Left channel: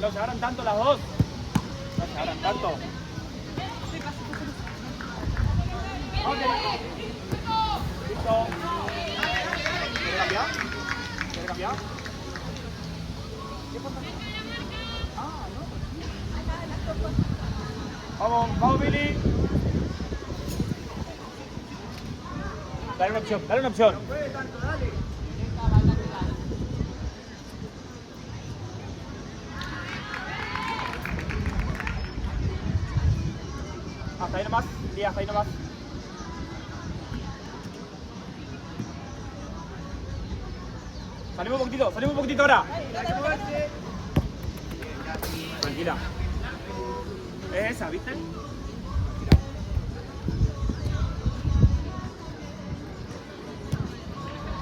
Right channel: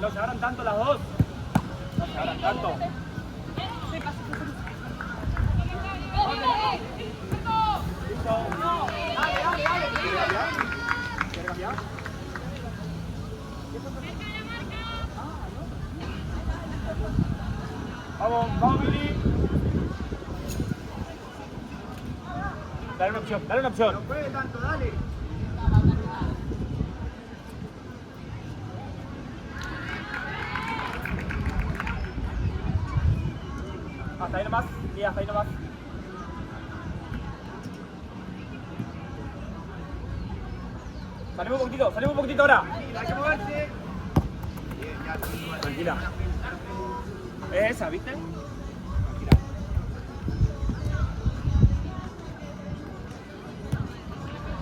No se abran tanto las dos. No se abran tanto. Listo. ¿Quiere cambiar? ¿Quiere cambiar? ¿Qué pasa? Ah, no. Vamos, Billy. Dale una opción, dale una opción. Hasta ahí nomás, sí, hasta ahí nomás. Salimos un poquitito ahora. Tranquila. Es esa, ¿viste? Tranquila.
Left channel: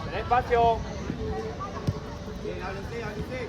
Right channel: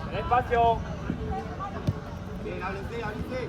Ten espacio. Bien, háblense. Bien.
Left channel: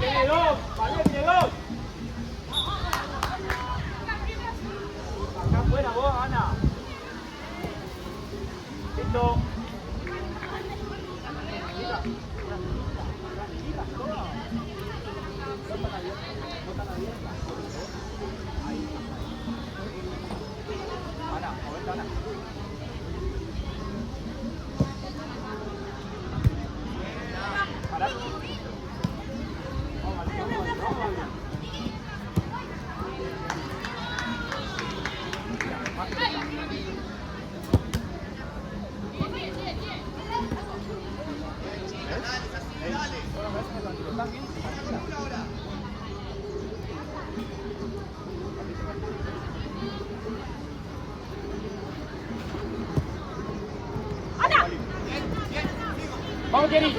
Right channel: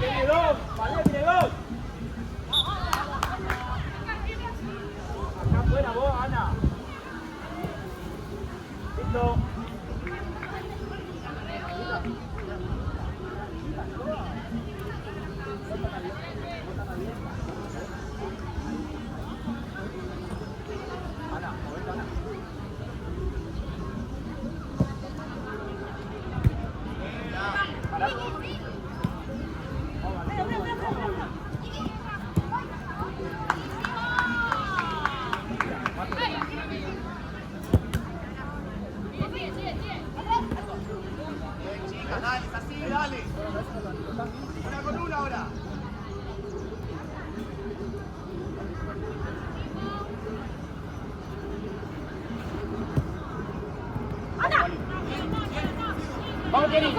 Tiene dos. Acá afuera vos, Ana. Listo. Ana, movete, Ana. Vamos, Jenny.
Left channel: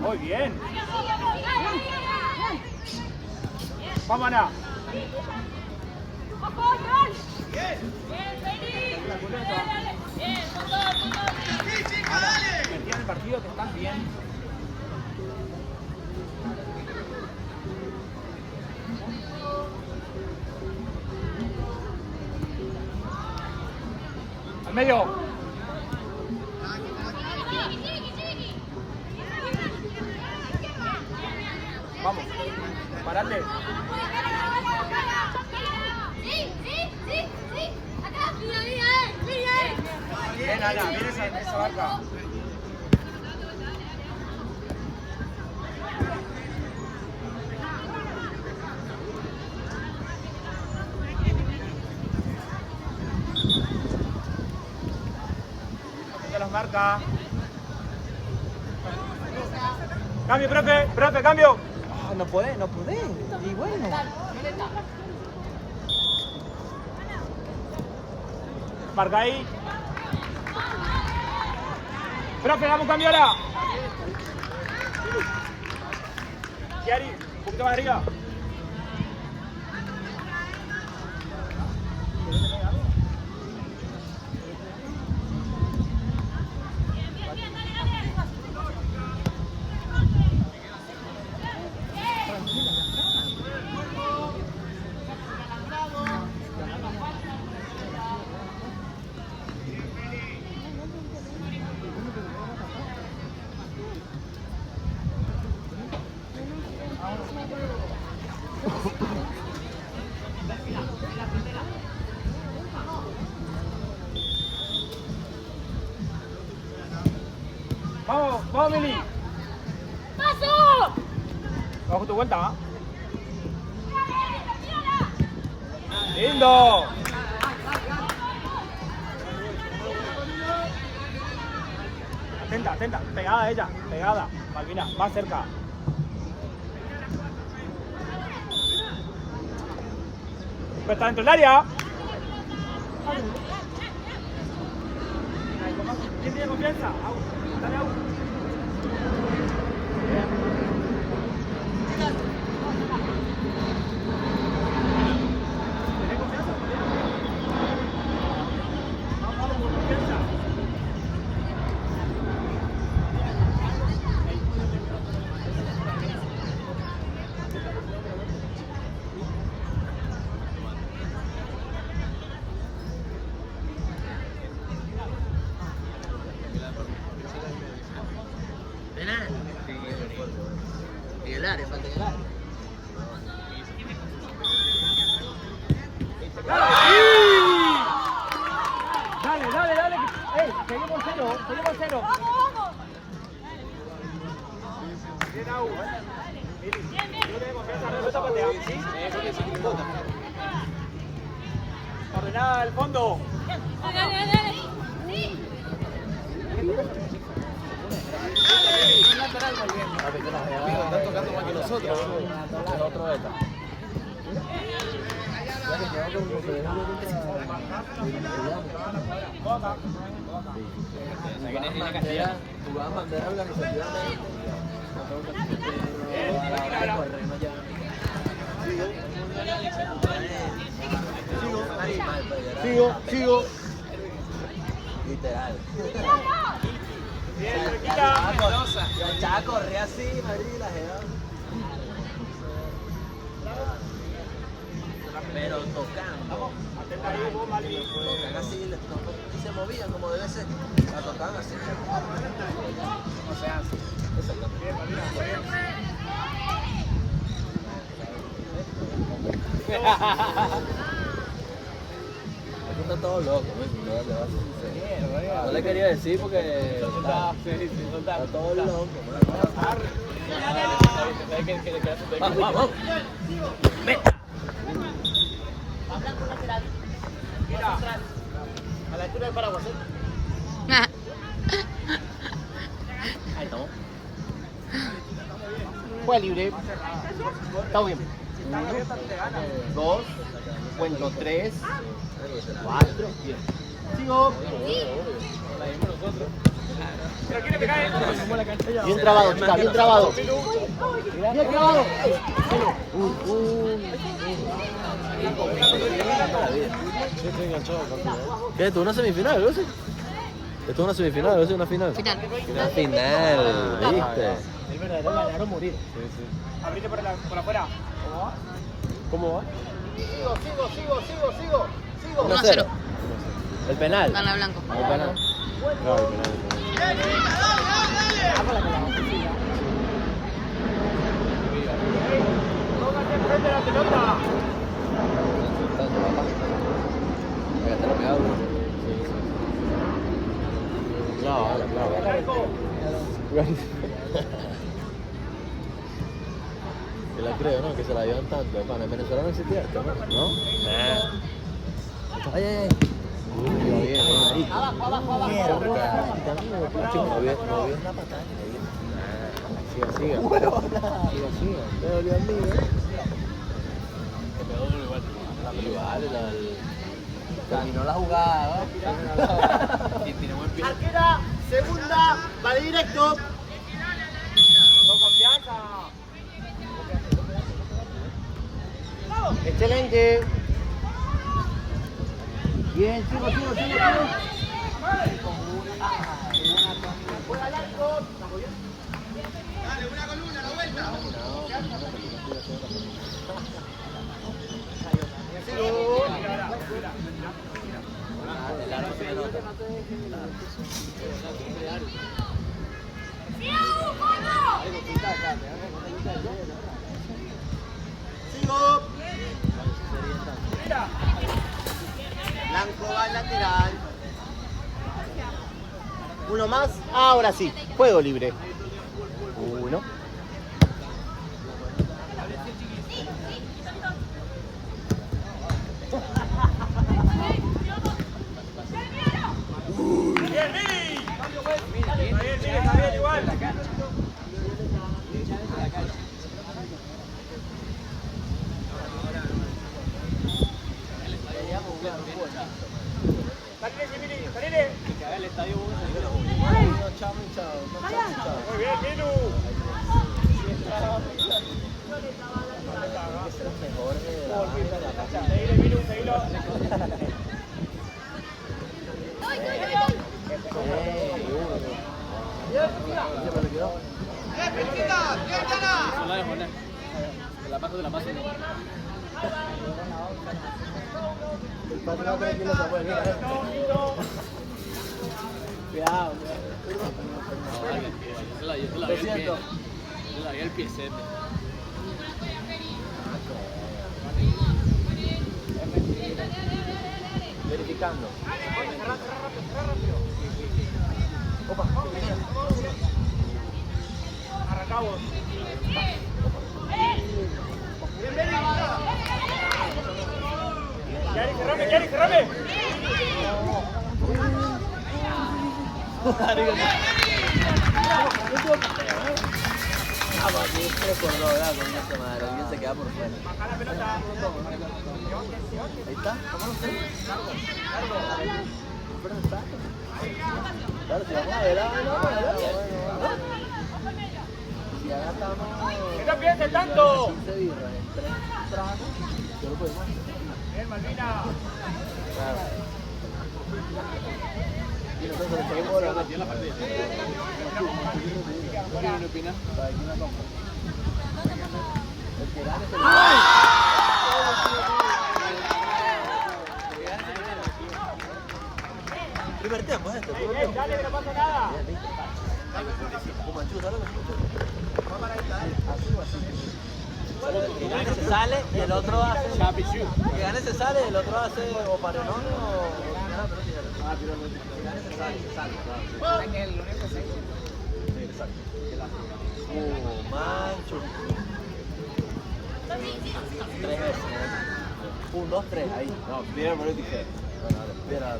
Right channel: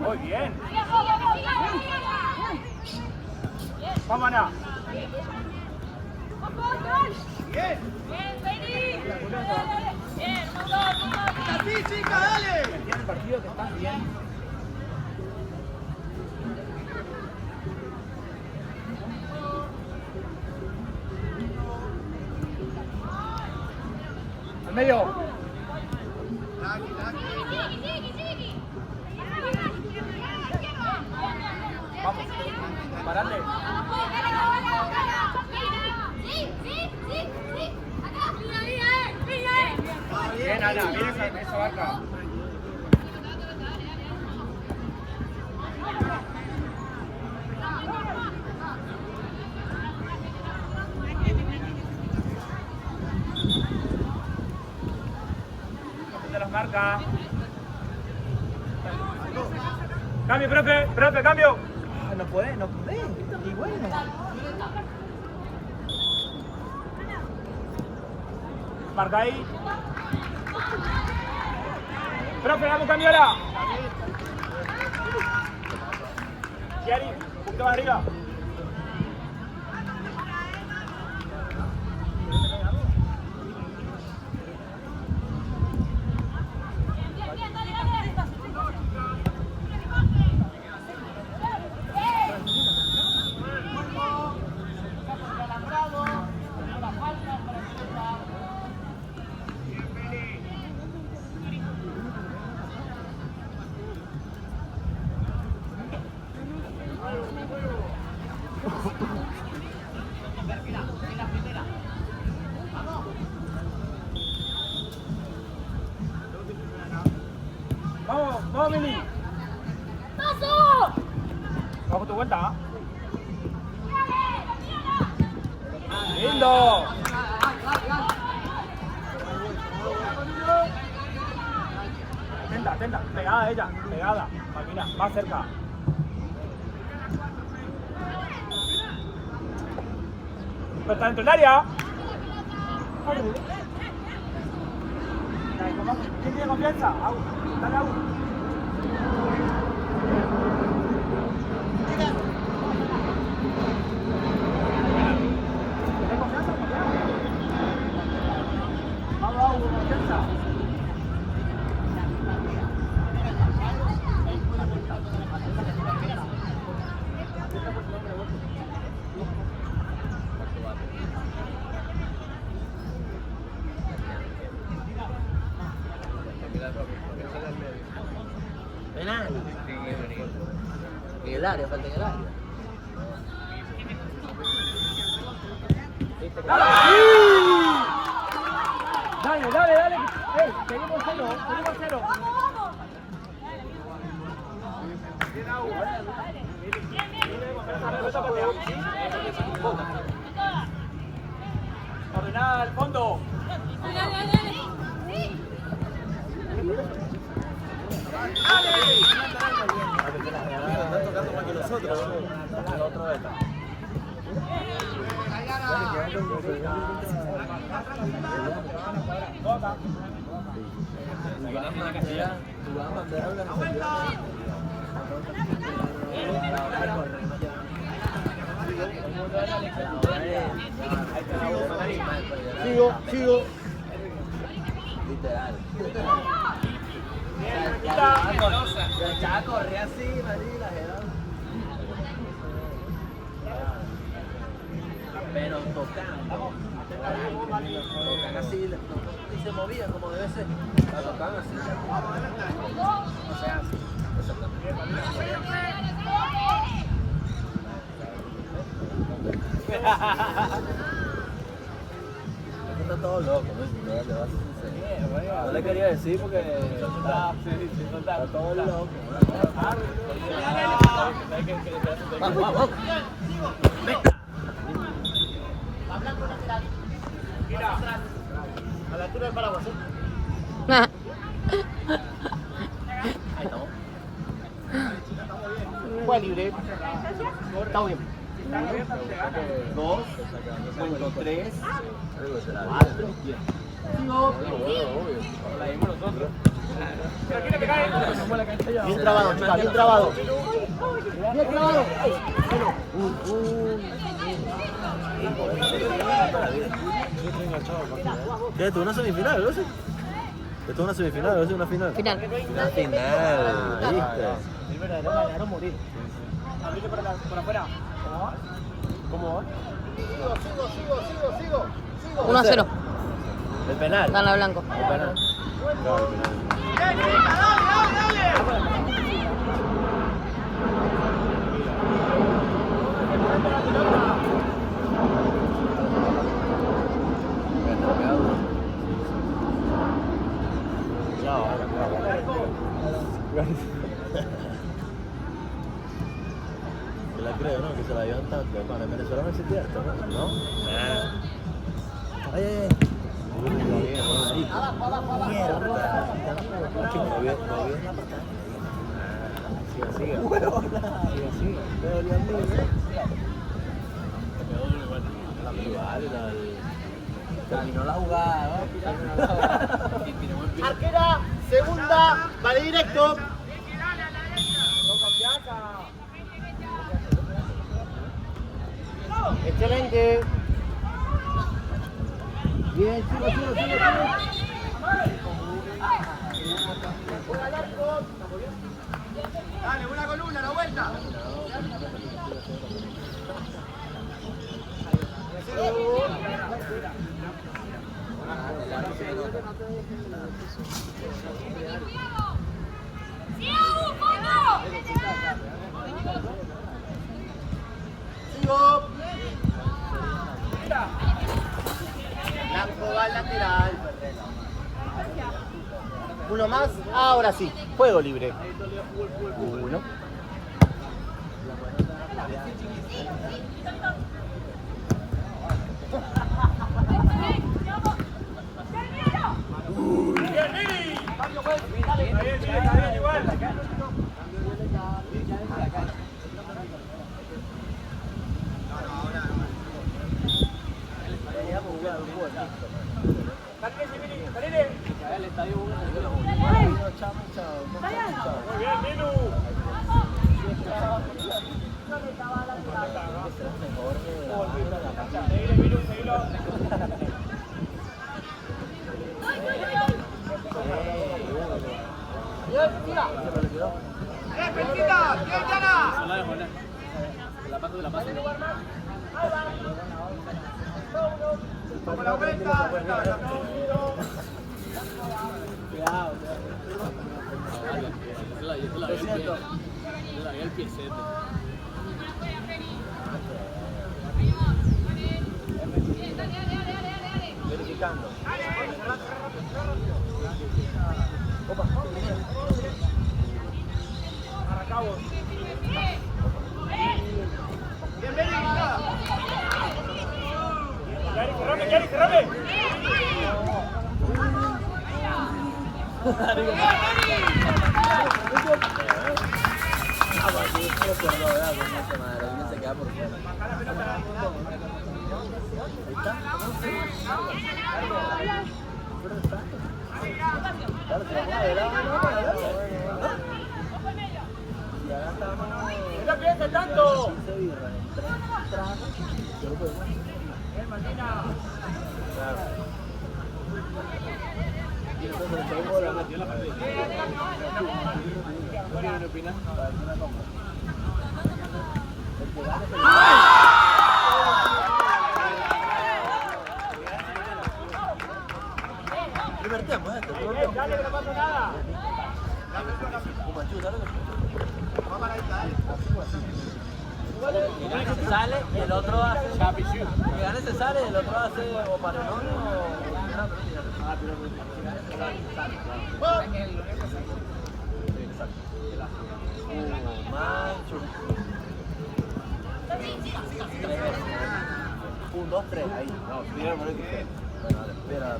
Muy bien. Vamos, Ana. Metí en el partido que estás bien. Al medio. Vamos, parate. Bien, Ana, bien esa barca. Las marcas. Cambio, profe, cambio. No puede. Y bueno. Marca ahí. Profe, damos cambio ahora. Chiari, un poquito más arriba. Vamos, vamos, Mili. ¡Paso! Bajo tu vuelta. Lindo. Atenta, atenta. Pegada ella, pegada. Mira, más cerca. Pero está dentro del área. ¿Quién tiene confianza? Au, dale, Au. ¿Tiene confianza? Vamos, Au, con confianza. Penal. En el área, falta en el área. Dale, dale, dale. Ey, seguimos cero, seguimos cero. Ordenada al fondo. Dale, dale, dale. Están tocando más que nosotros. Sigo. Literal. Mira. El Chaca corre así, Madrid, la pero tocan. Vamos. Tocan así, y se movían como debe ser. La tocan así. O sea, así. Está todo loco, ¿no? No le quería decir porque está todo loco. Vamos, vamos. Ven. A la altura de para vosotros. Ahí estamos. Fue libre. Está bien. 1, 2, cuento 3, 4, 10. Sigo. Bien trabado, chica, bien trabado. Bien trabado. ¿Qué? ¿Esto es una semifinal? ¿Ves? ¿Esto es una semifinal? ¿Ves? ¿Una final? Final. Una final, ¿viste? Abrite por afuera. ¿Cómo va? Sigo. 1-0. El penal. Gana blanco. El penal. Póngase enfrente de la pelota. Se la creo, ¿no? Que se la dieron tanto. Bueno, en Venezuela no existía esto, ¿no? Ay, ay, ay. Abajo. Terminó la jugada, ¿no? Arquera, segunda, vale directo. Con confianza. Excelente. Bien, sigo. Juega al arco. Estamos bien. Dale, una columna, la vuelta. Sigo. Uno más. Ahora sí. Juego libre. Uno. Está bien, igual. El piecete. Verificando. Opa. Arrancamos. Cerrame. Se queda por fuera. Baja la pelota. Ahí está. Claro, si la pone adelante, si acá estamos... ¡Que no piense tanto! Yo lo puedo más. Bien, Malvina. Y nosotros le pedimos la máquina. ¿Qué opinas? Primer tiempo, esto. Dale, que no pasa nada. Que gane se sale y el otro hace. Que gane se sale y el otro hace o paredón o 1, 2, 3, ahí. No, primero por el tijera. Espera.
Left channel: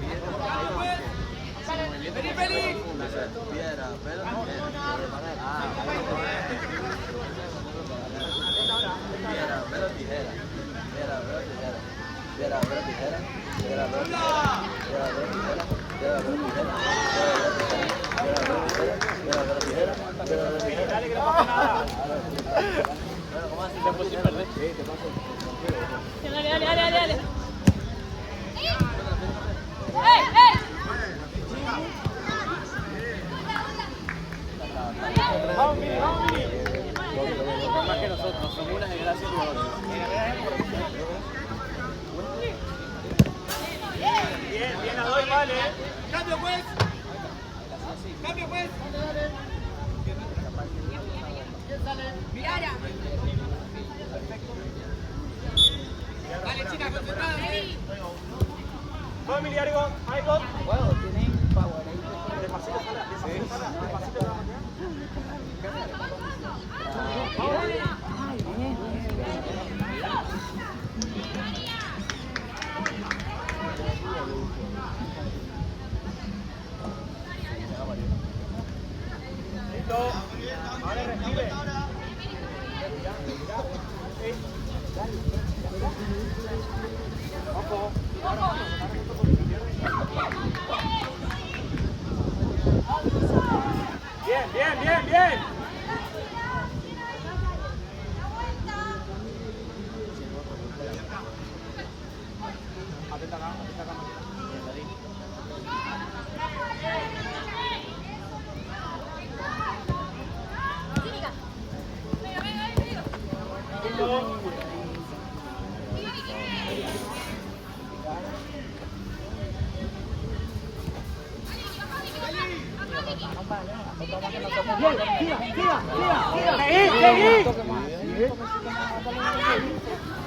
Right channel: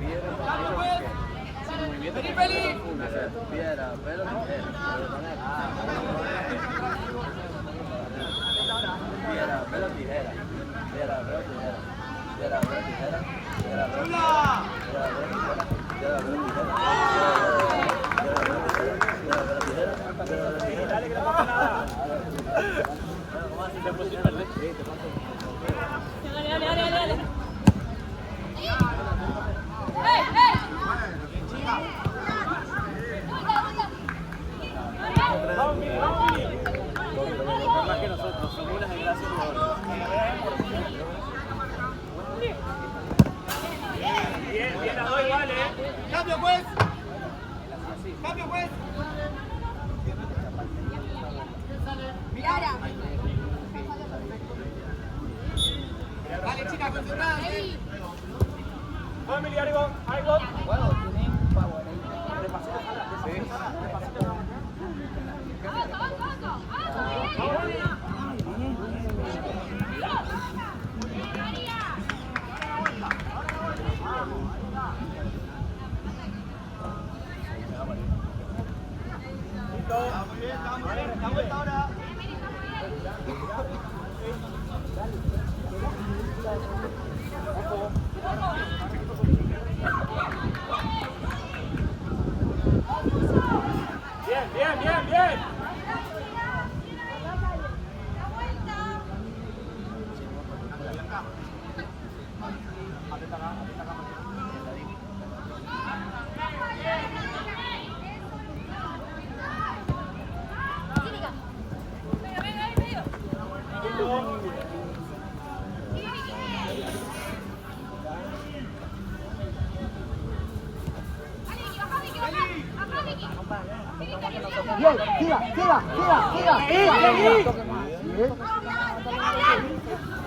Piedra, pelo, tijera. Dale, que no pasa nada. Dale. Más que nosotros, sin una desgracia. Bien, las dos igual, Cambio, juez. Vale, chicas, concentradas. Vamos, Emiliano, ahí va. Listo. Ahora recibe. Ojo. Bien.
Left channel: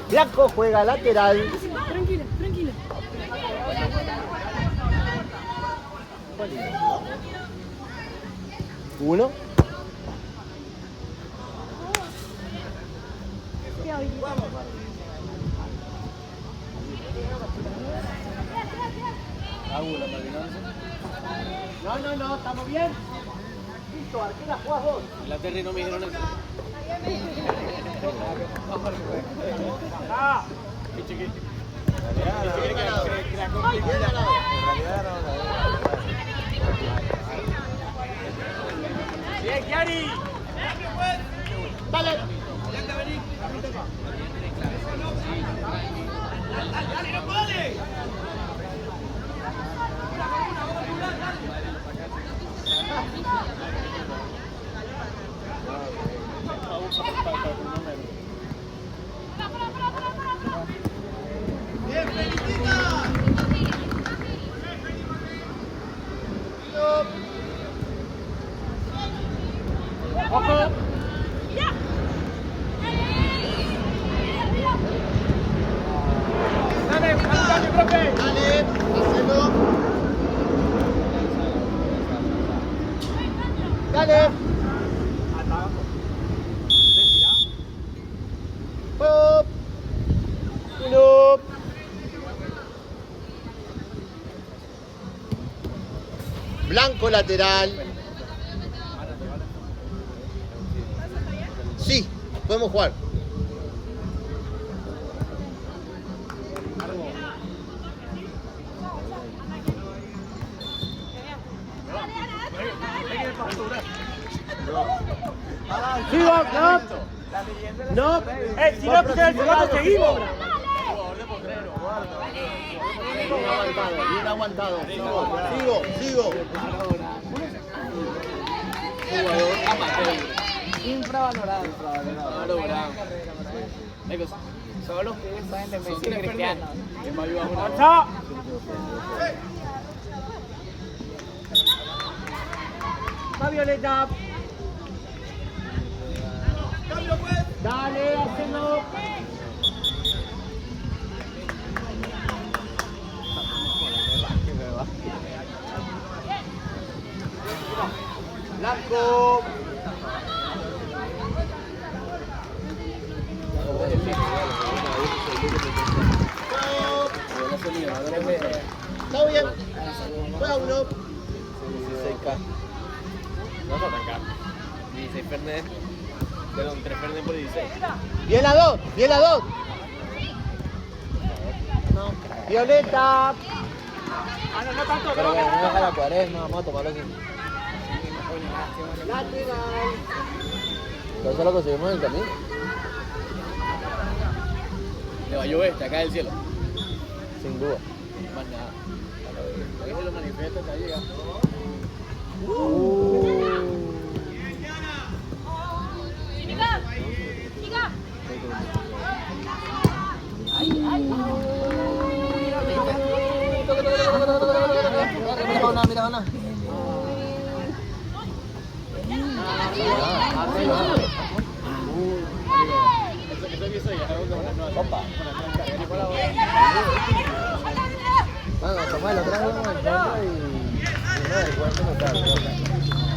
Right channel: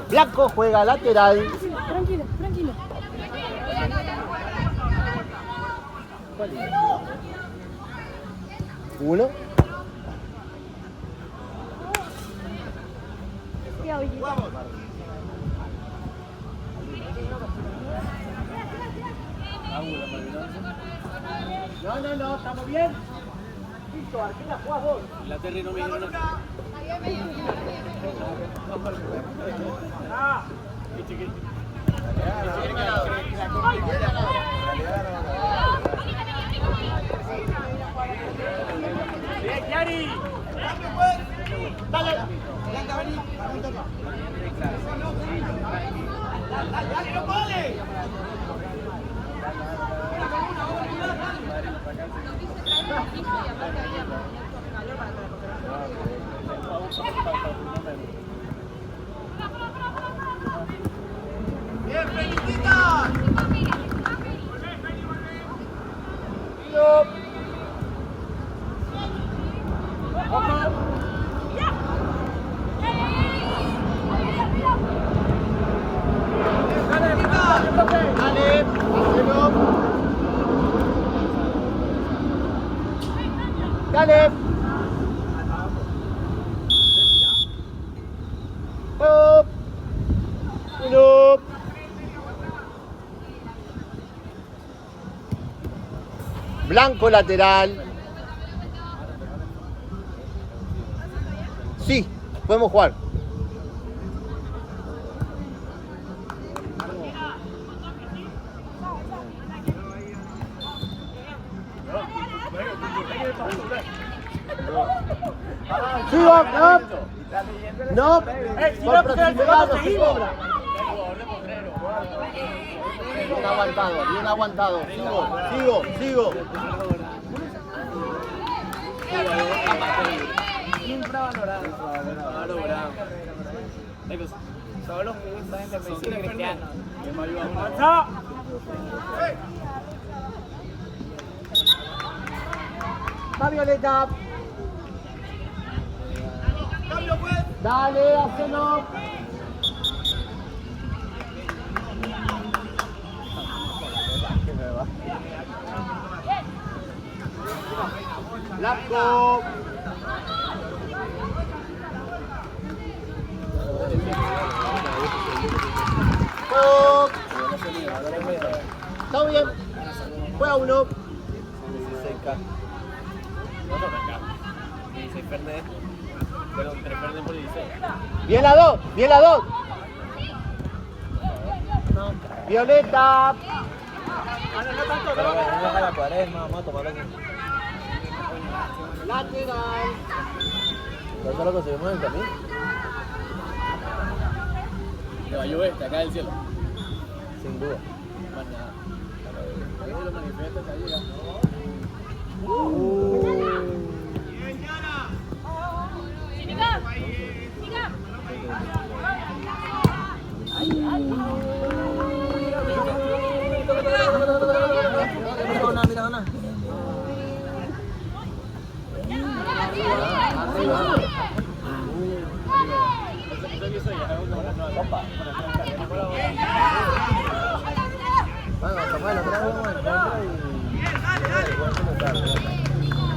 Blanco juega lateral. Tranquilo. Uno. No, estamos bien. Listo, Arquera, jugás vos. La Terry no me dijeron nada. Blanco lateral. Sí, podemos jugar. Sigo, no. No, si no se cobra. Bien aguantado. Sigo. Infravalorado. Solo los que saben de Messi y Cristiano. Que me ayudan mucho. Va Violeta. Dale, hacelo. Blanco. Todo bien. Juega uno. 16 Fernet. Perdón, 3 Fernet por 16. Bien la dos. Violeta. Pero bueno, no deja la cuaresma, vamos a tomarlo así. ¿Eso lo conseguimos en el camino? Te va a llover, te cae del cielo. Sin duda. Más nada. Ahí se lo manifiesta hasta llegar. Mira.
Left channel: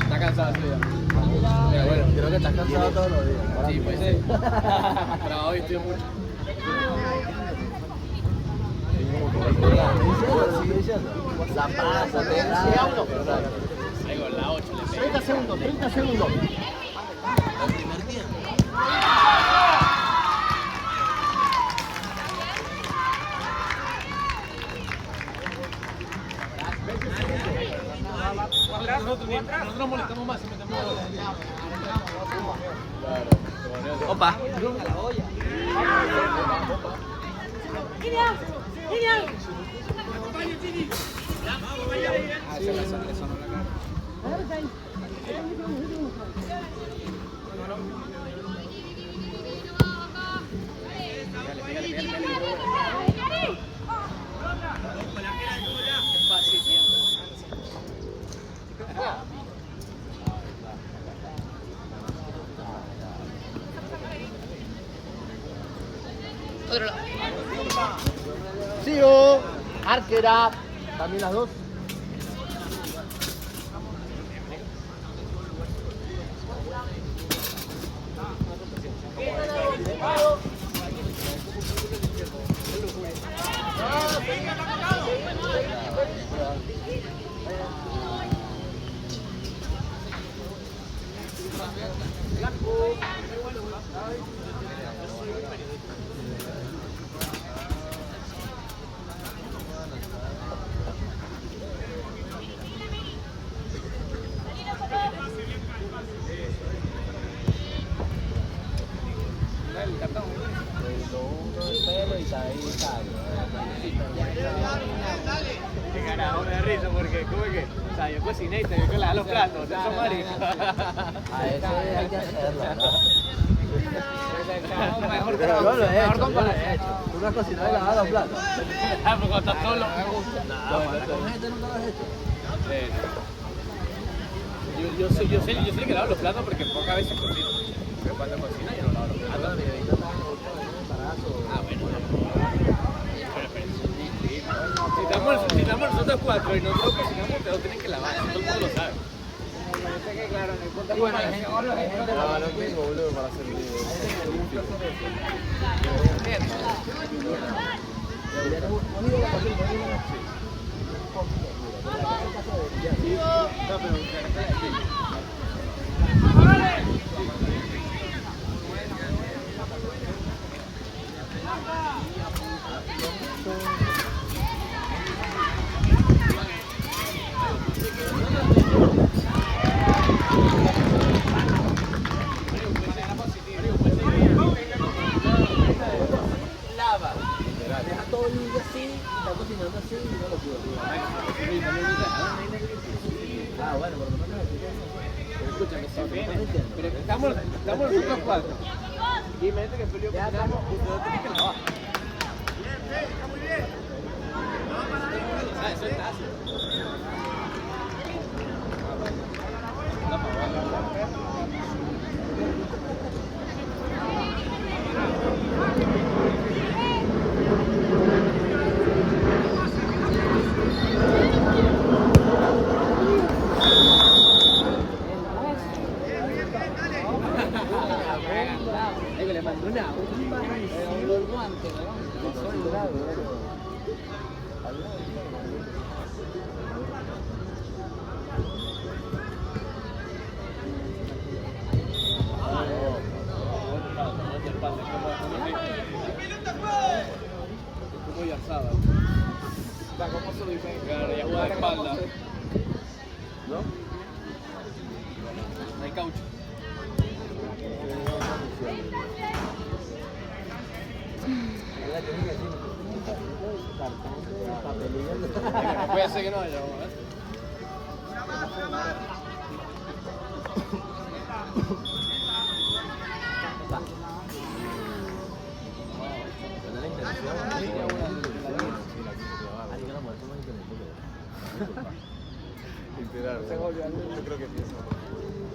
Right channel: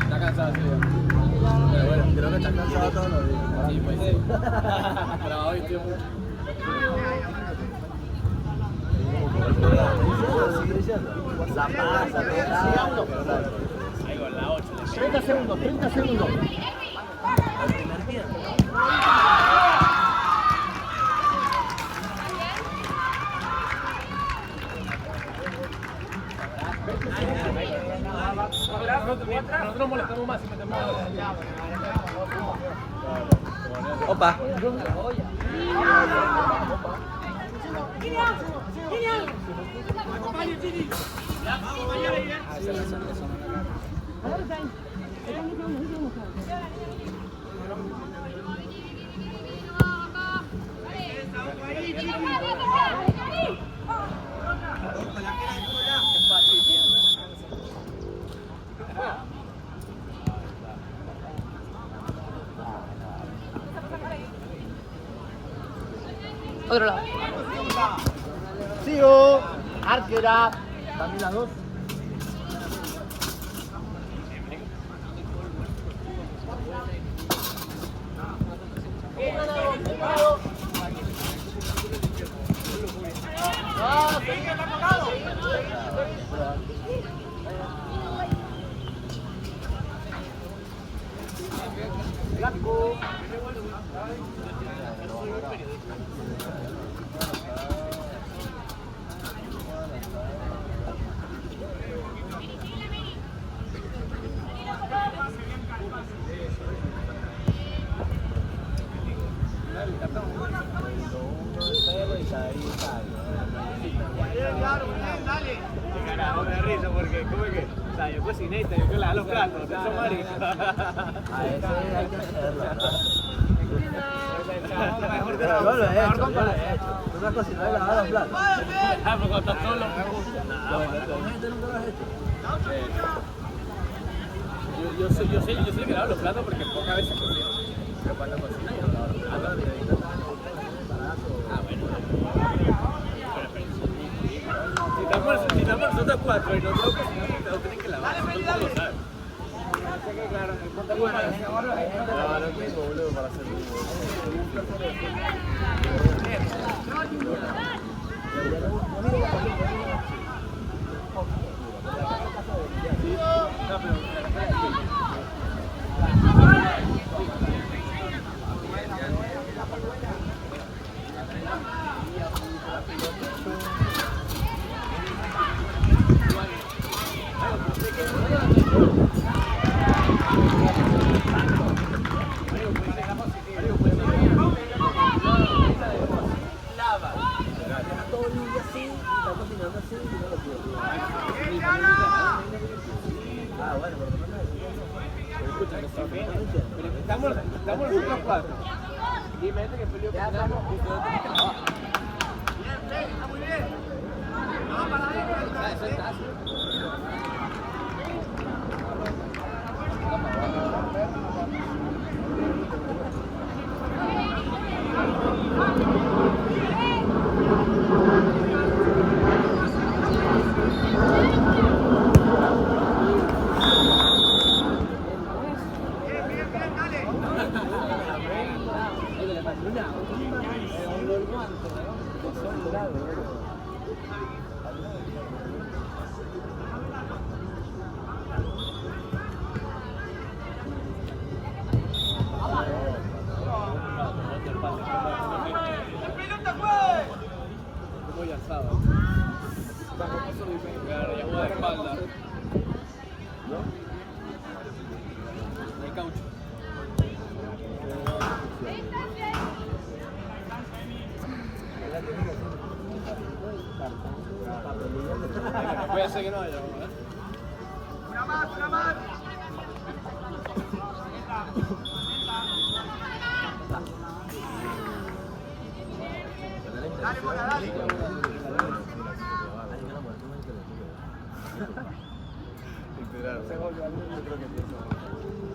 Está cansado, sí. Pero bueno, creo que está cansado todos los días. Sí, pues sí. Pero hoy estoy mucho. 30 segundos. Nosotros molestamos más si metemos Opa. Otro lado. Sigo. Arquera. También las dos. ahí está. Qué carajo, me da risa porque, ¿cómo es que? O sea, yo cociné y te digo que lavar los platos, eso marico. A eso hay que hacerlo, ¿no? Pero yo lo he hecho, yo lo he hecho. Tú me has cocinado y lavado los platos. Ah, pero cuando estás solo. No, con gente nunca lo has hecho. Yo sé que lavo los platos porque pocas veces cocino. Pero cuando cocino yo no lavo los platos. Ah, bueno. Si estamos nosotros cuatro y nosotros cocinamos, todos tienen que lavar, todo el mundo lo sabe. Y bueno, hay gente que boludo para hacer Pero estamos nosotros cuatro. Y imagínate que Julio muy asado. Está como se dice, claro, ya juega de espalda. ¿No? Hay caucho. Puede ser que no haya, ¿eh?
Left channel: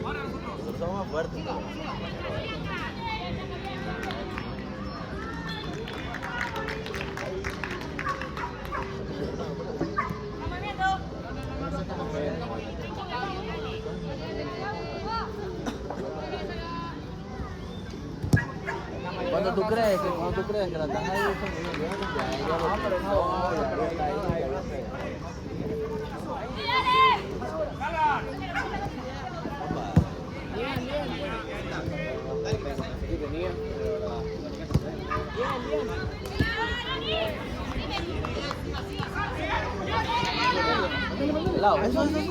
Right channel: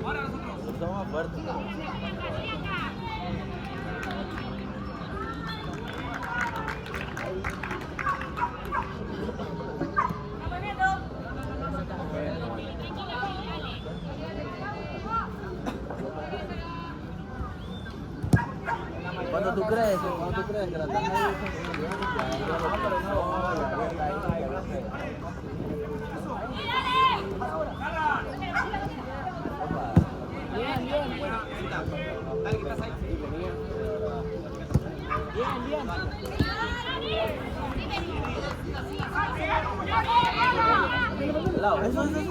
Ahora nosotros. Cuando tú crees que la están ahí como bien, ya eso sí.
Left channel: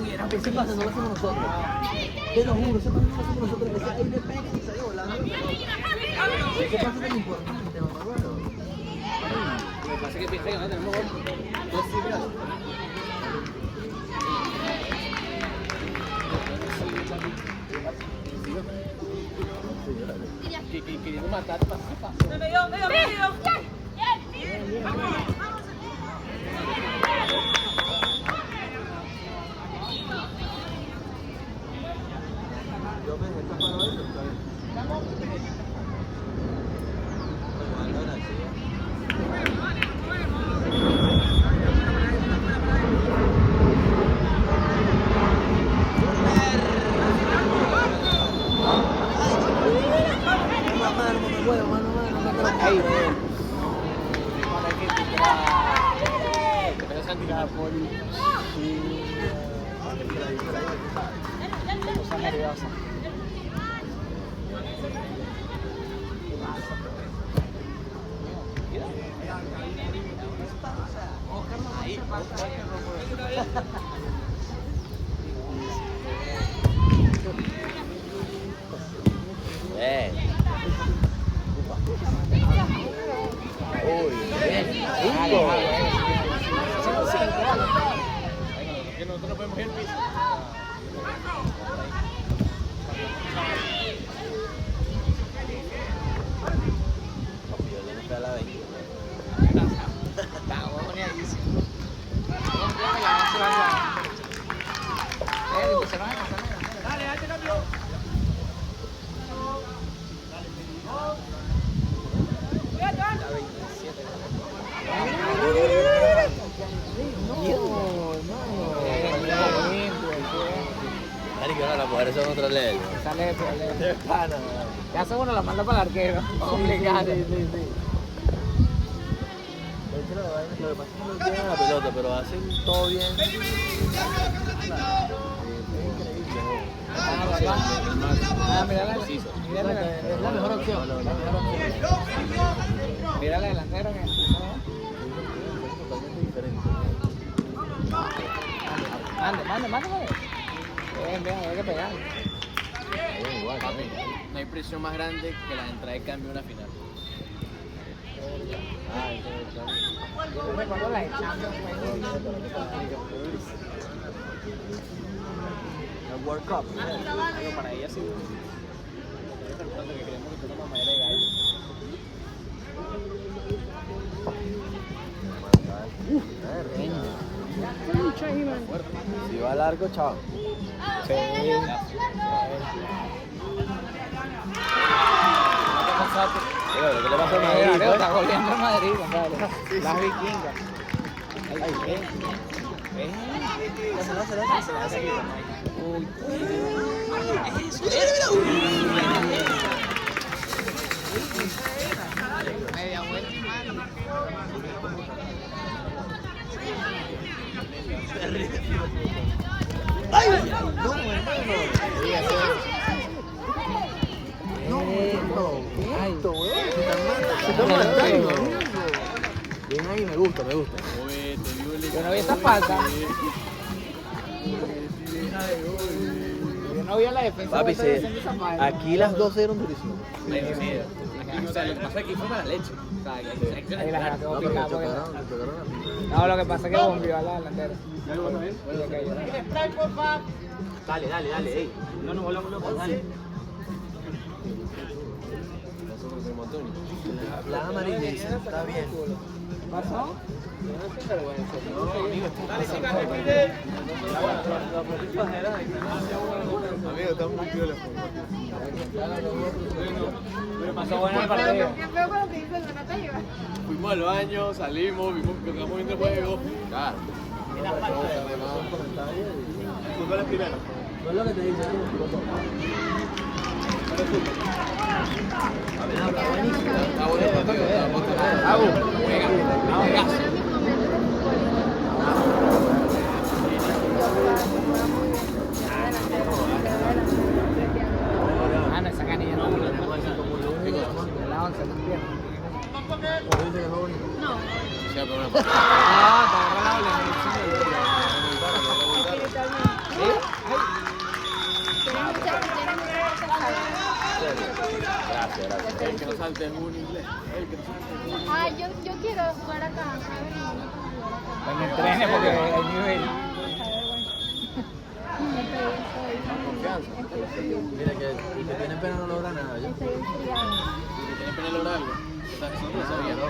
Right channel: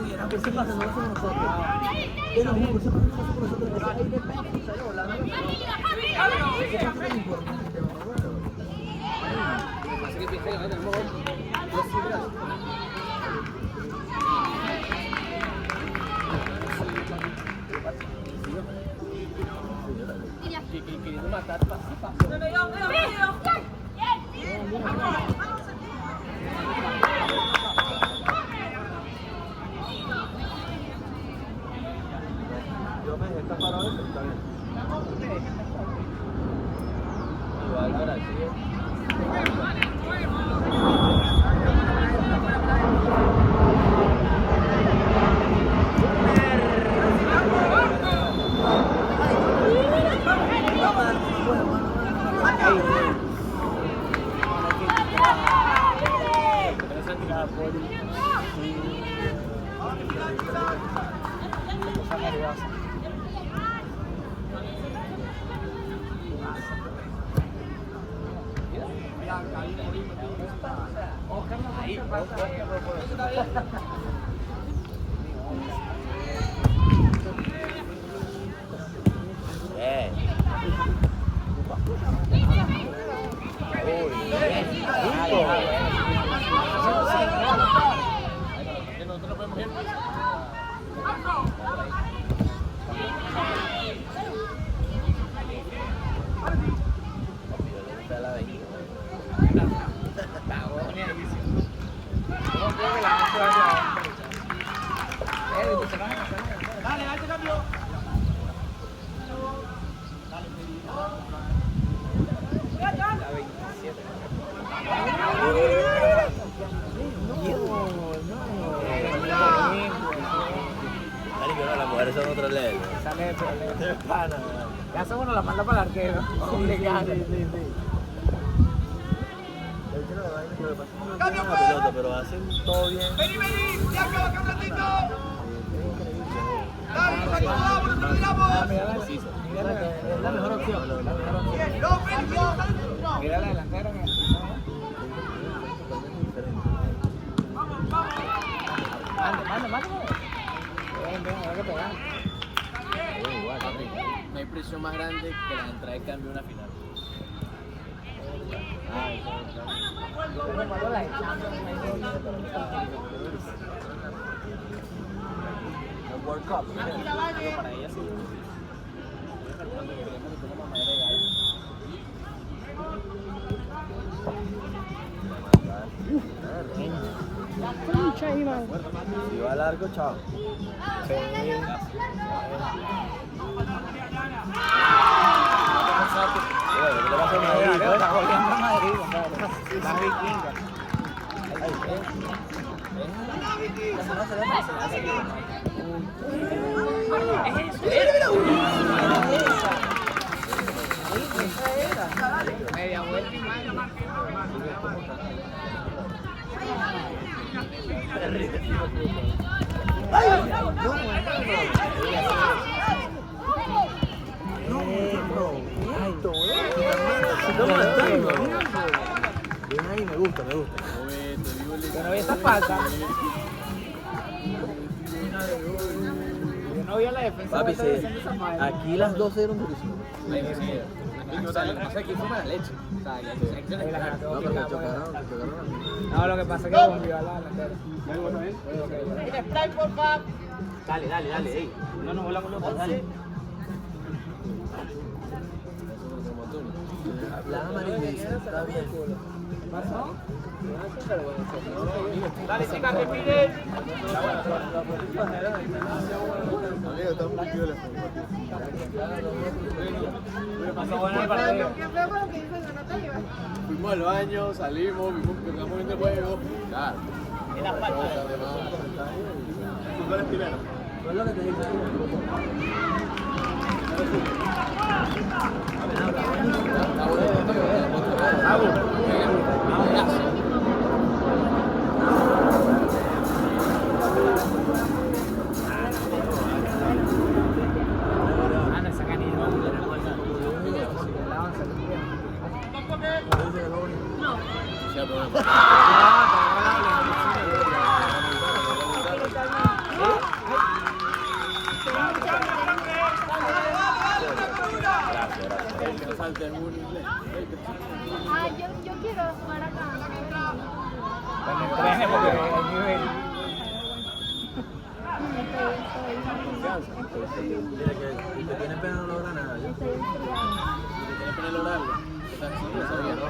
Uy, era que sí pasa, no lo hacemos nosotros. Te lo juro, eso también lo hacemos nosotros. Es que me pega y salió la mano. ¿Qué pasa tan importante, mamá? Lo que pasa es que piensa que tenemos dos fibras. Queriendo matar, ¿qué pasa? Yo me dejé tapar hoy, pero está bien. Igual agradecido. Ah, no. Ya son uno la manda para el arquero. Obligado. De hecho, la vaina, lo que pasa es que no tienen la pelota, pero hacen todo bien. Es increíble. Es la mejor opción. Mira la delantera. Totalmente diferente. Mande. Bien, hay que pegar. Igual, también. No hay presión más grande que la entrada de cambio en una final. El World Cup. Si va largo, chao. ¿Qué te pasa a Madrid, pues? Está volviendo a Madrid, compadre. Las vikingas. Media vuelta y mano. Bien ahí, me gusta. Oye, te digo el Yo no vi esa falta. Yo no vi la defensa. Papi, aquí las dos eran durísimas. O sea, lo que pasa es que fue para la leche. O sea, hay que Ahí la ganar. sacó No, pero picada, te porque- tocaron a ti. No, lo que pasa es que bombió a la delantera. Dale, ey. No nos volamos locos, dale. La amarilla está bien. Amigo, estamos muy piolas. Fuimos al baño, salimos, vimos que estamos viendo el juego. Claro. En la falta. ¿Tú cuál es primero? No es lo que te dice. Está bonito, venga. Mano, esa canilla no. La once, no entiendo. Ya, pero bueno. El que no salte es un inglés. El que no salte es un inglés. Ay, yo quiero jugar acá. Cuando entrene, porque hay nivel. Mira que el que tiene pena no logra nada. ¿Ya? ¿Tienes pena lograr algo? O sea, sí, lo sabía, ¿no?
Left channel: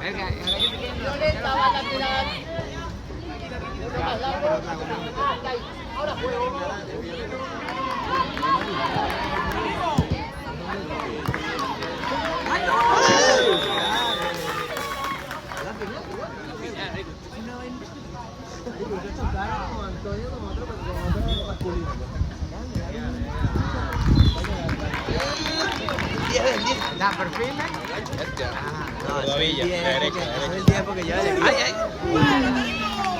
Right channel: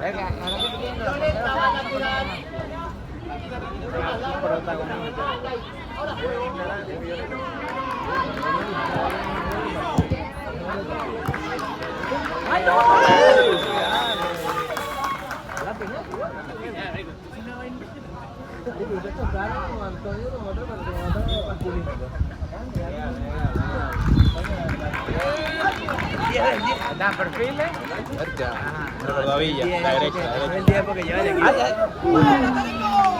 Venga, ahora que te quieren Ustedes chocaron con Antonio con otro masculino. ¿Da perfiles? No, todavía. Es el tiempo que lleva de aquí. ¡Ay, ay!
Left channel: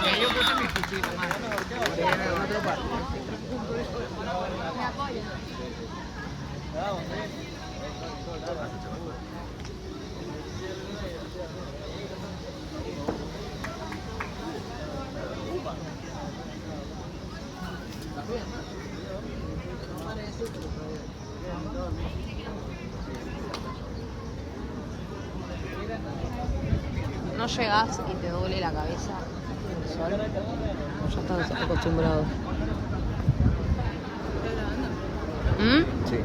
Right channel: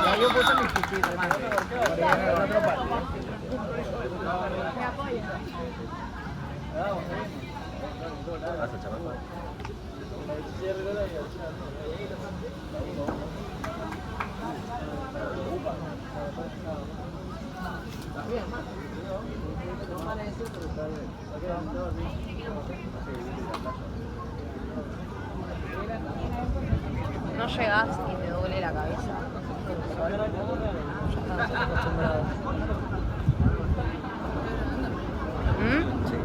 Ya yo puse mi fichita, mano. Viene otro partido. No llegas y te duele la cabeza. El sol. Ya estás acostumbrado. Sí.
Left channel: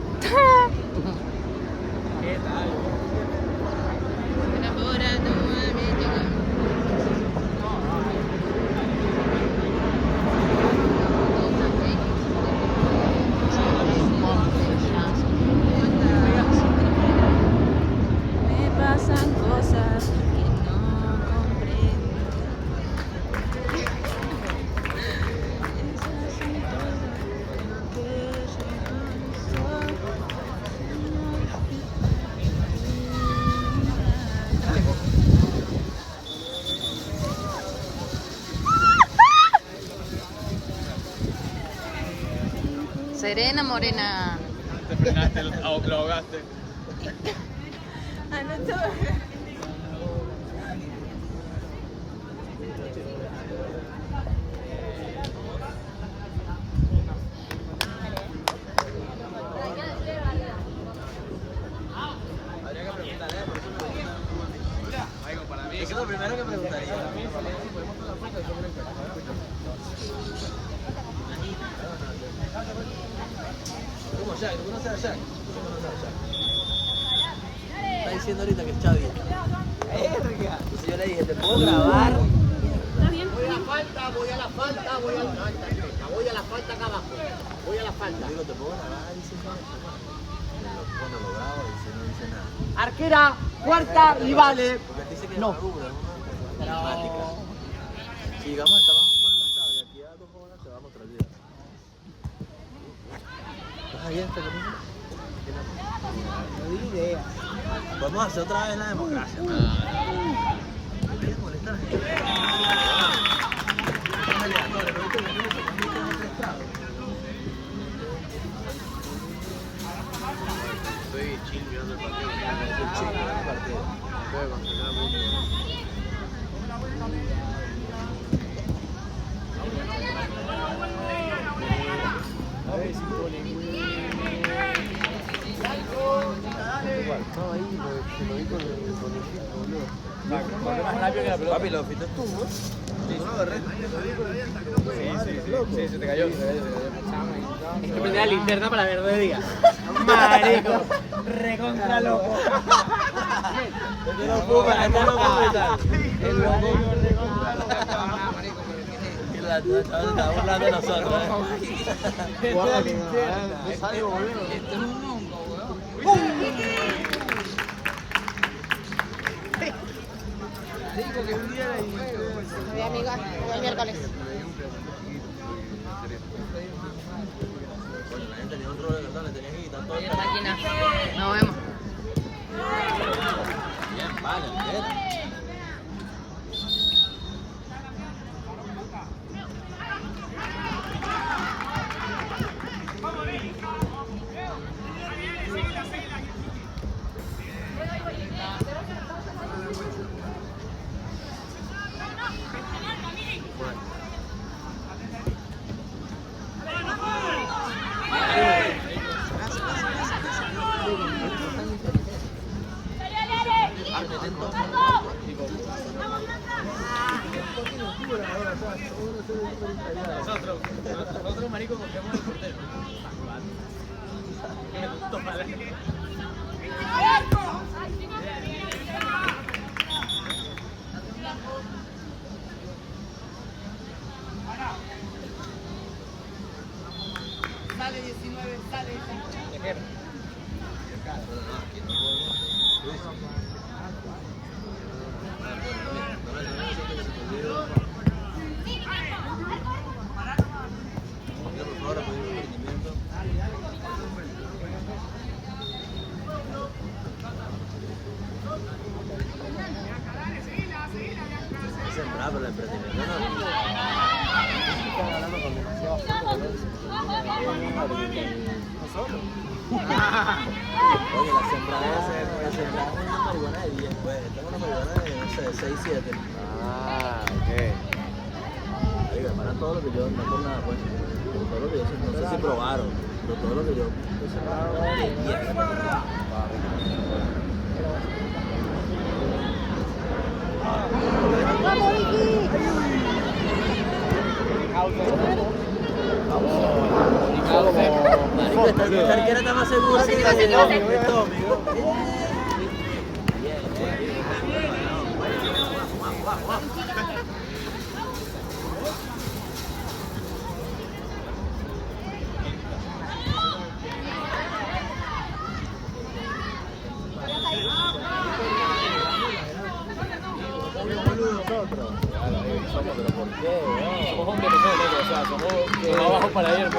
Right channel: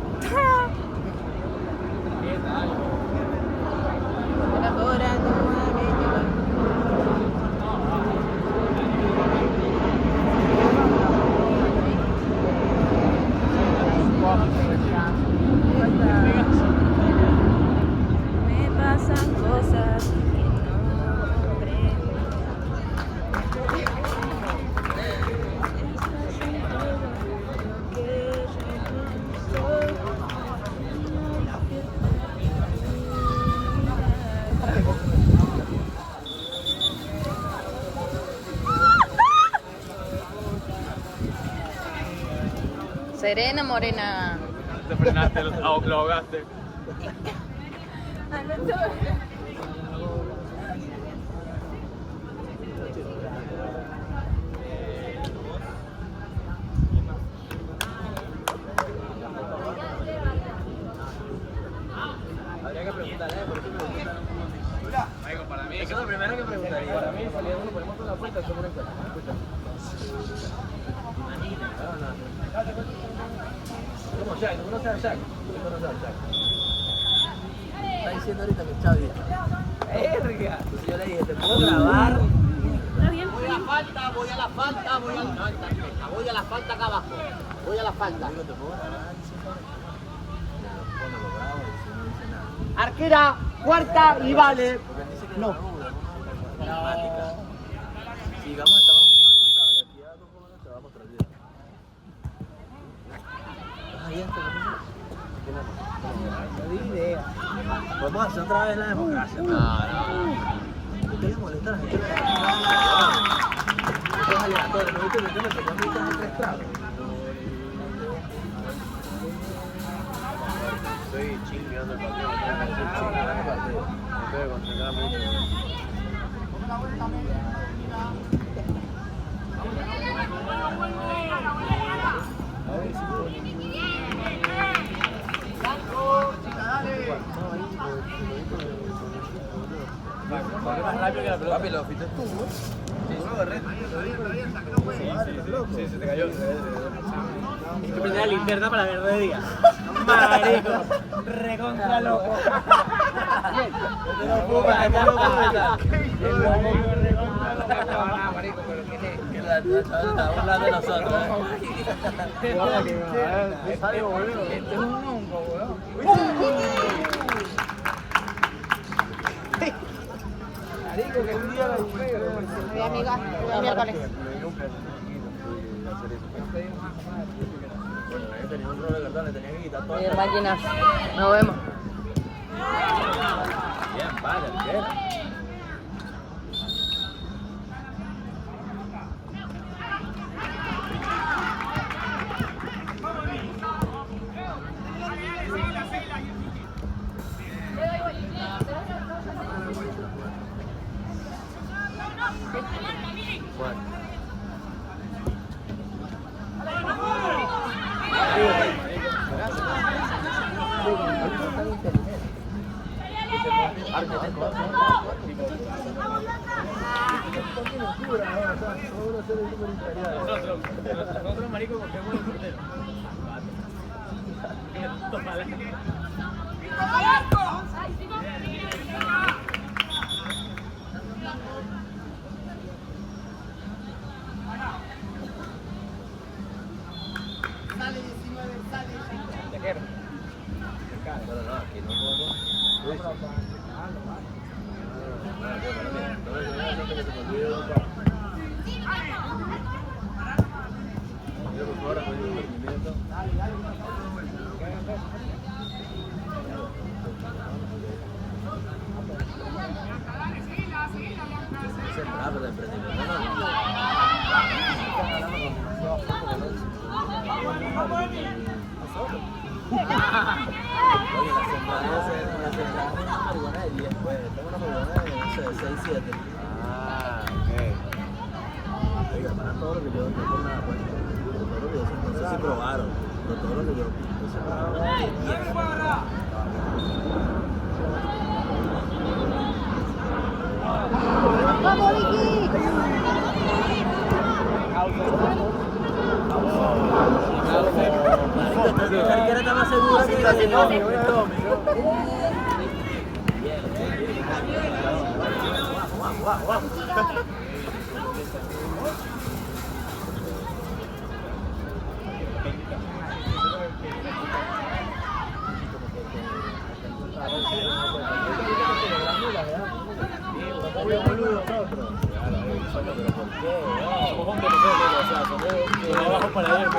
Serena Morena. Te frenaste, lo ahogaste. Habría que preguntarle, por eso me gusta. Para mí, eso es lo primero que preguntaría. Para uno podemos toda la puerta, hacemos una encuesta. ¿Cómo Shaq? ¿Tú conoces a Shaq? ¿Tú conoces a Shaq? Está diciendo ahorita que está bien. Yo le dije, ¿te puedo grabar? Está bien. Voy a la falta acá abajo. Voy a la falta. Arquera, cuarta y vale. No. Sigamos, estamos conectados. De aquí a 2 horas se va para otro día. ¿Estás bien? No di idea. Podemos hacer otra vez la democracia. ¿Por qué le molesta a la gente? Esto es aleatorio. ¿No viste que me tocó a mí que hacer 3 prados? Estoy chill mirando el partido. Me tengo que concentrar mucho. Papi, lo fitas tú, ¿no? Sí, se te cayó. Es que prende la linterna para ver de día. Marico, recontra loco. No puedo para estar marico, pero ¿quién es? La está burlando de nosotros. Guarda que me salgo, boludo. Esto es un hongo, weón. Marico, que mira ahí. Me dio un pedacito chiquito de hacer esto. Bueno, la gente tenía un rol de verdad, le tenía que quitar todo. Bien, máquinas. Nos vemos. Bien, vale, entera. Nosotros, marico, cogemos los porteros. Todo lo que yo me acuerdo, todo lo que yo no sé si probaron, pero todo lo que yo marico, esta arquera está más segura que Abajo para ayer,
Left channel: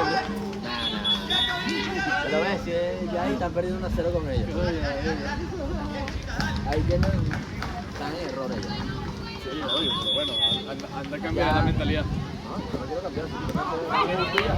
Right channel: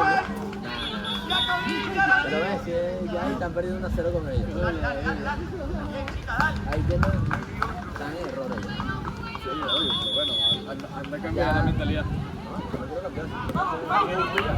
pero ves, si ya están perdiendo 1-0 con ellos. Ahí tienen, están en error ya. Sí, obvio, pero bueno, anda a cambiar la mentalidad. No, yo no quiero cambiar.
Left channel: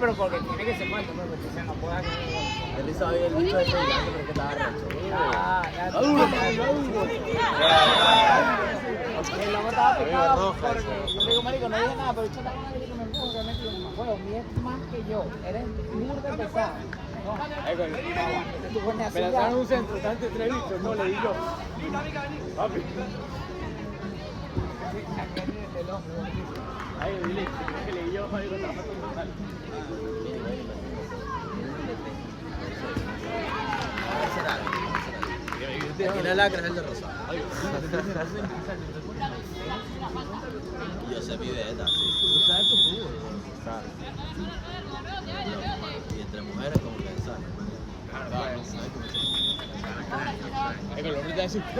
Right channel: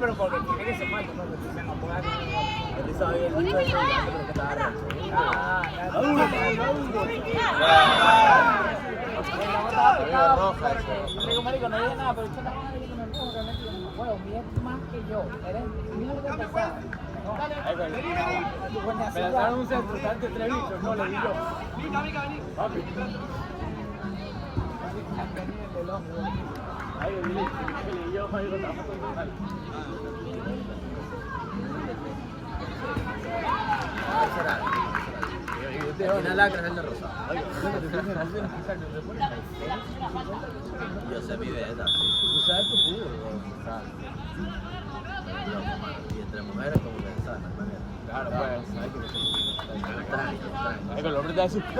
Pero porque tiene que ser cuánto, porque si se enamora Pero están en un centro, están entre bichos, no le digo. Ahí, dile, que le yo, ahí lo Una lacra es el de Rosa. Yo sé mi beta. Tú sabes tu fútbol. Y entre mujeres como que sabes, no hay manera. Claro, pues. ¿Sabes cómo se Extraño. Es que el hombre te dice, Exacto.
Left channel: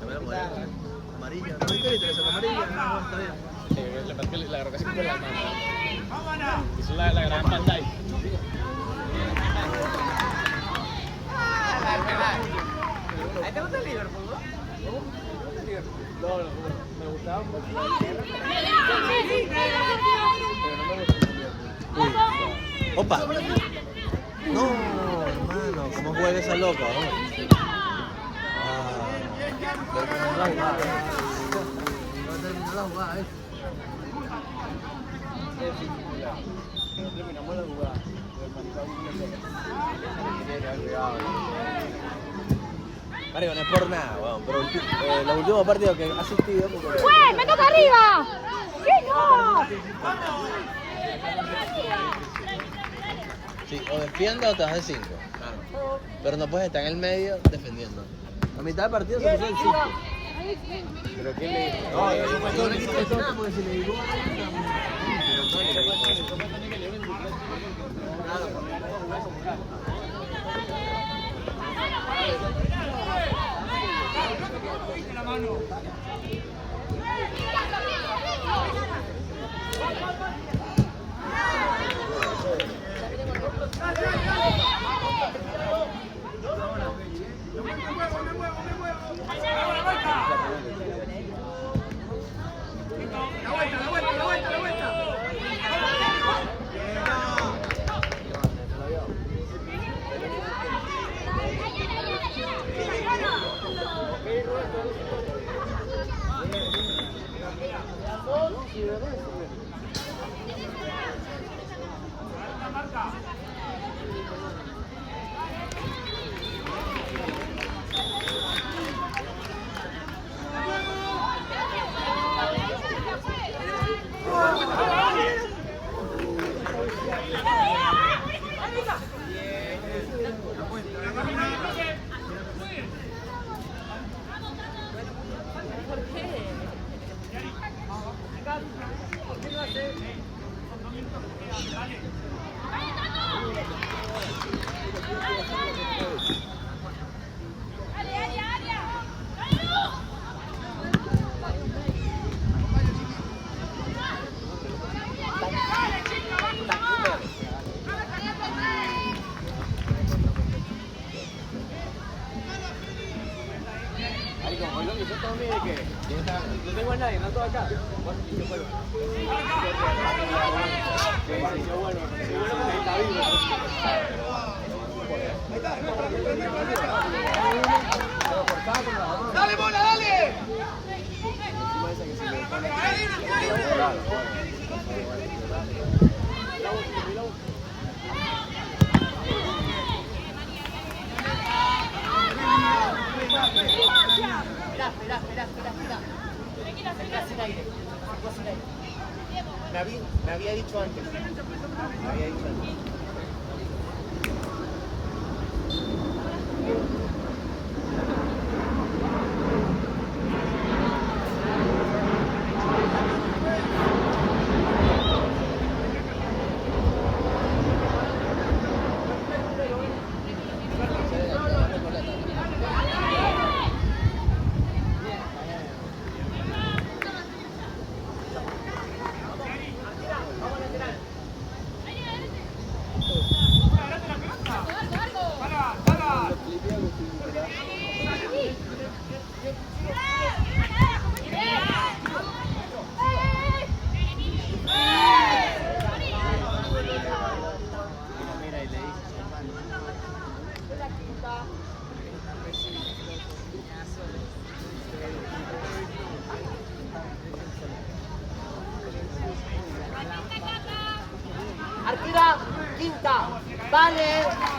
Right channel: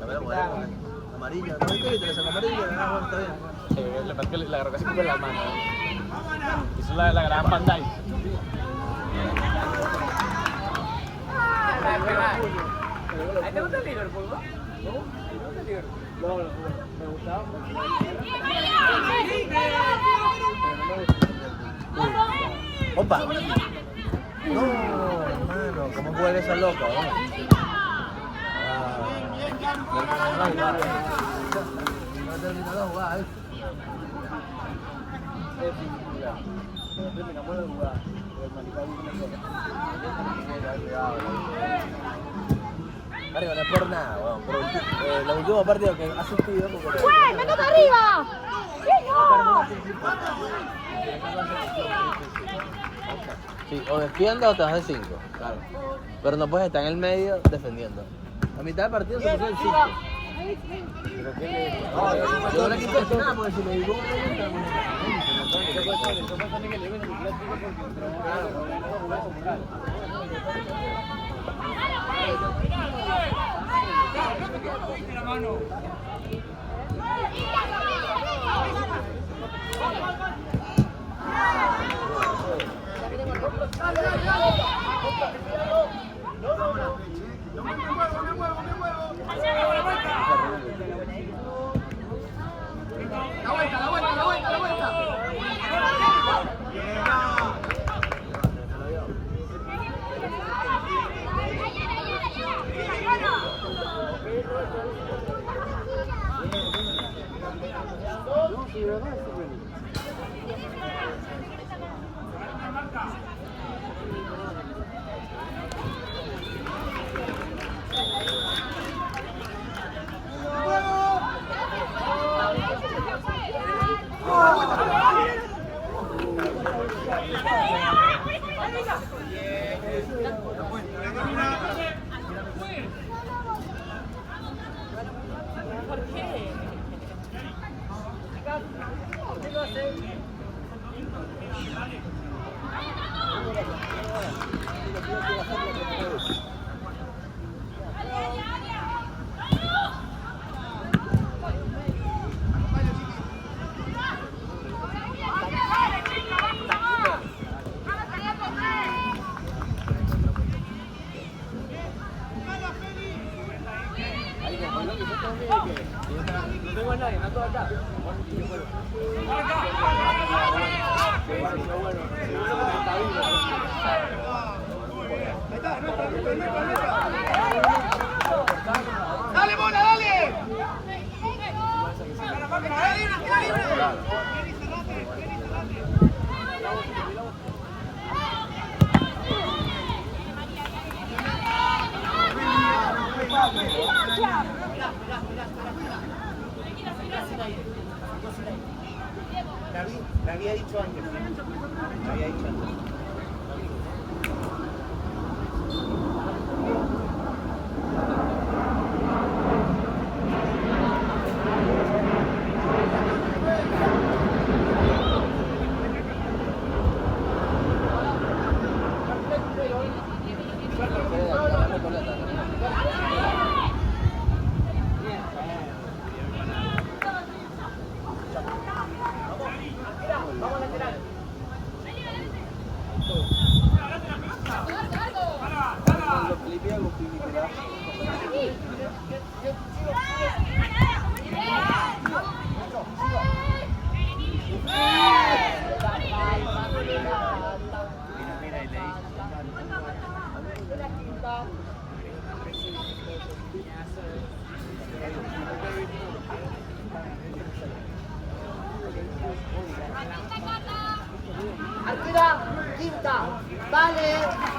La mujer con amarilla. No hay que le saca amarilla. No, está bien. le falta la grabación de la mano. Es la gran pantalla. ¿Te gusta el Liverpool? No, me gustaba. Opa. No, hermano, ¿cómo juega esa loca? Pero terminó la jugada, No terminó la jugada, Terminamos la jugada. Marico, no es por nada, weón, pero los últimos partidos que he asistido... ¡Pues! ¡Me toca arriba! ¿Qué no? Sí, o defiendes o te vas de 5, claro. Pero no puedes estar en el medio defendiendo. A mitad de partido se puso el 5. Yo no le quito decir nada porque si le digo La mano. No tengo a nadie, no estoy acá. ¡Dale, bola, dale! Me había dicho antes. Arquera, quinta, vale.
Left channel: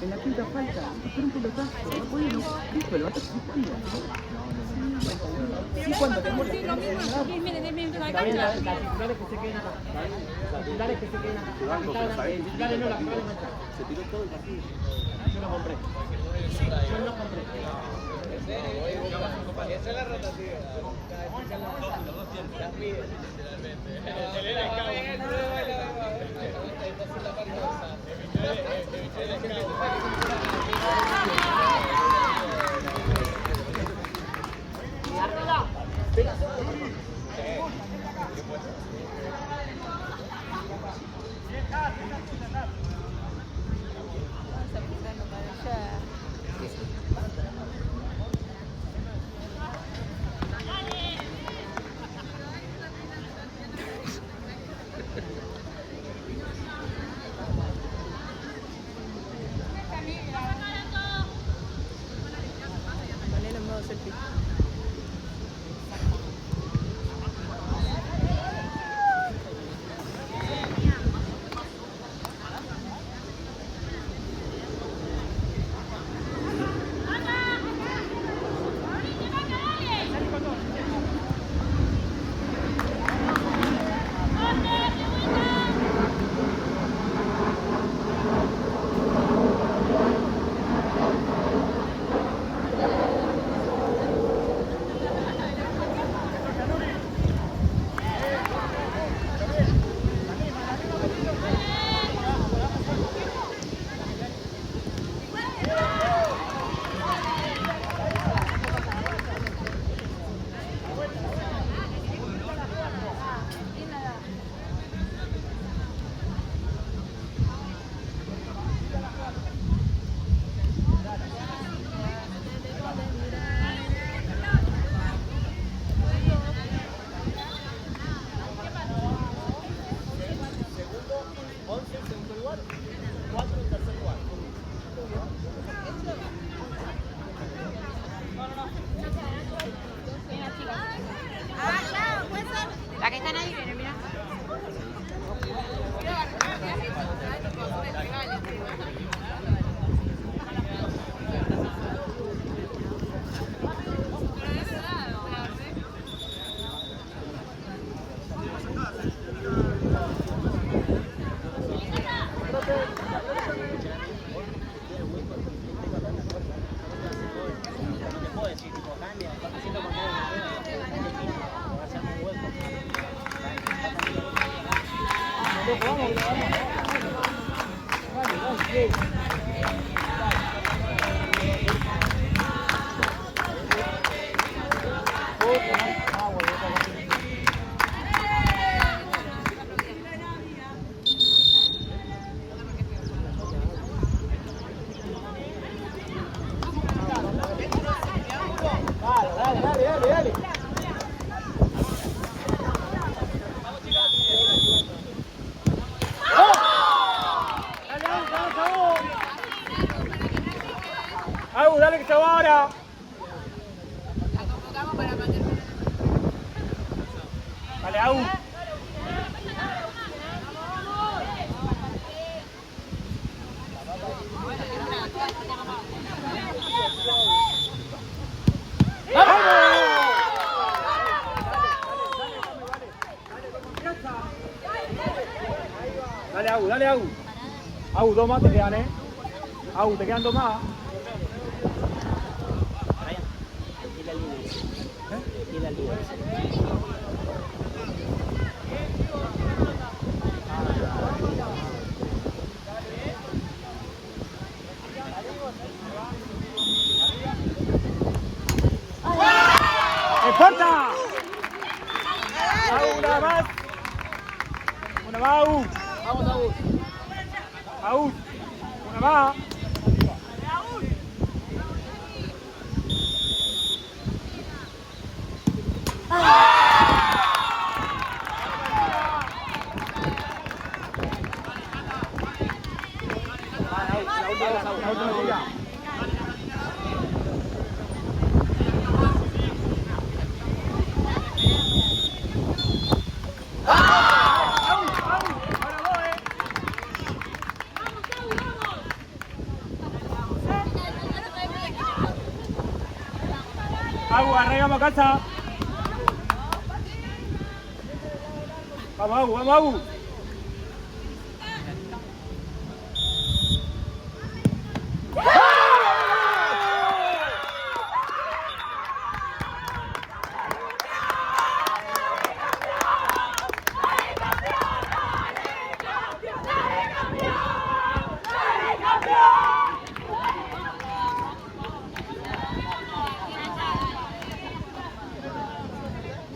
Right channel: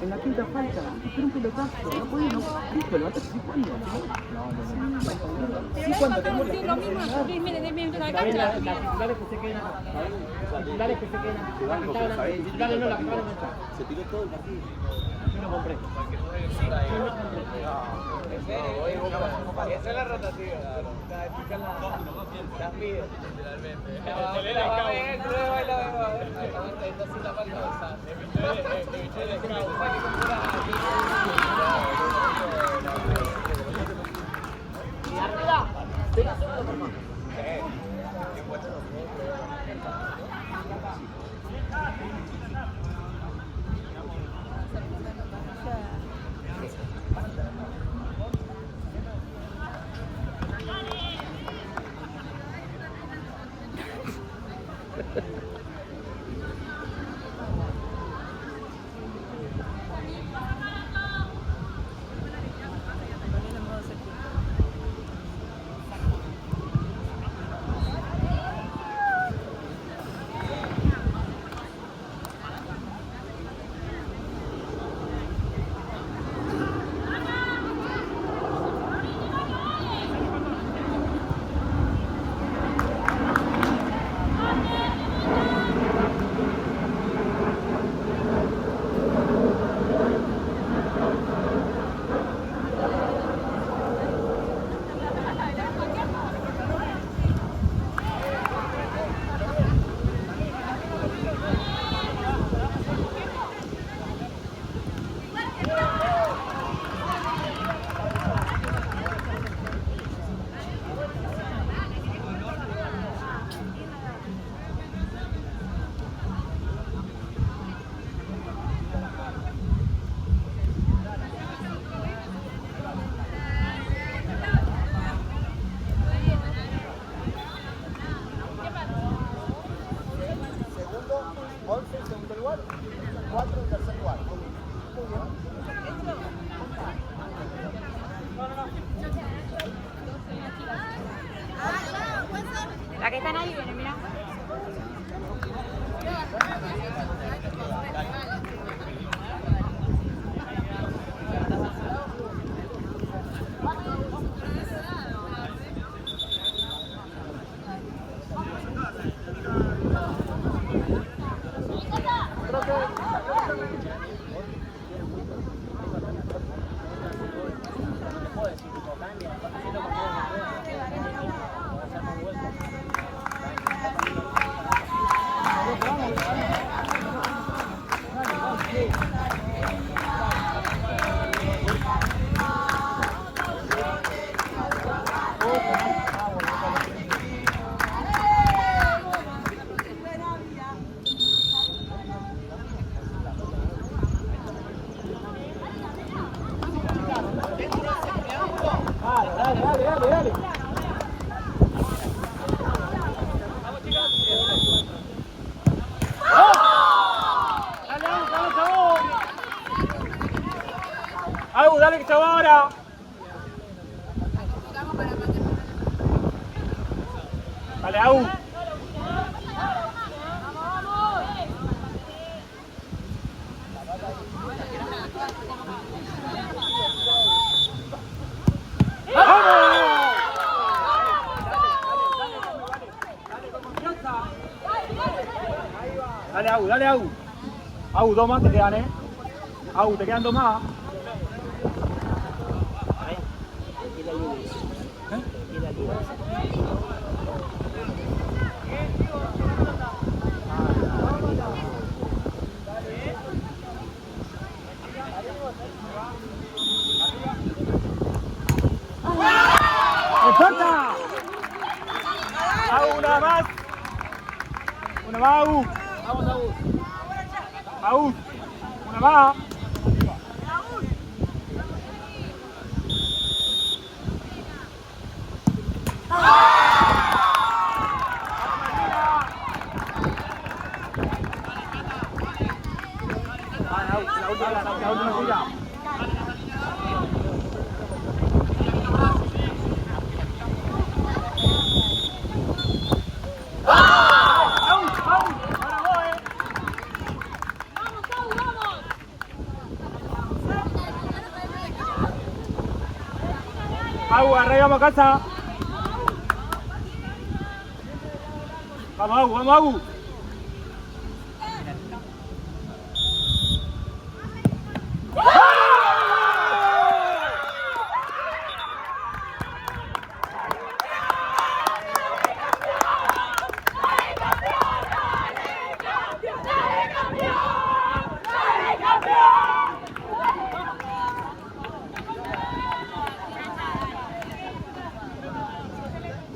En la quinta falta, espera un pelotazo, no puede, no. Listo, levántate, ¿sí cuándo? Sí, cuando tenemos Sí, lo mismo, 10 minutos de cancha. las titulares que se queden acá. Las titulares que se queden acá. Las que estaban acá. Titulares no, las que van a enganchar. Se tiró todo el partido. Yo no compré. Yo no compré. La que están ahí. Au. Dale, Au. Au, dos más te quedan, ¿eh? Au, te quedan dos más. ¡Importa! Una más. Mau. Mau. Una más. Au, arraigamos a casa. Vamos, Au, vamos, Au.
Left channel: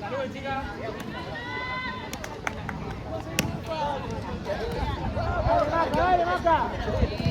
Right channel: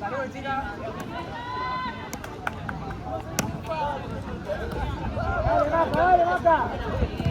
Saludos, chicas. Dale, Mata.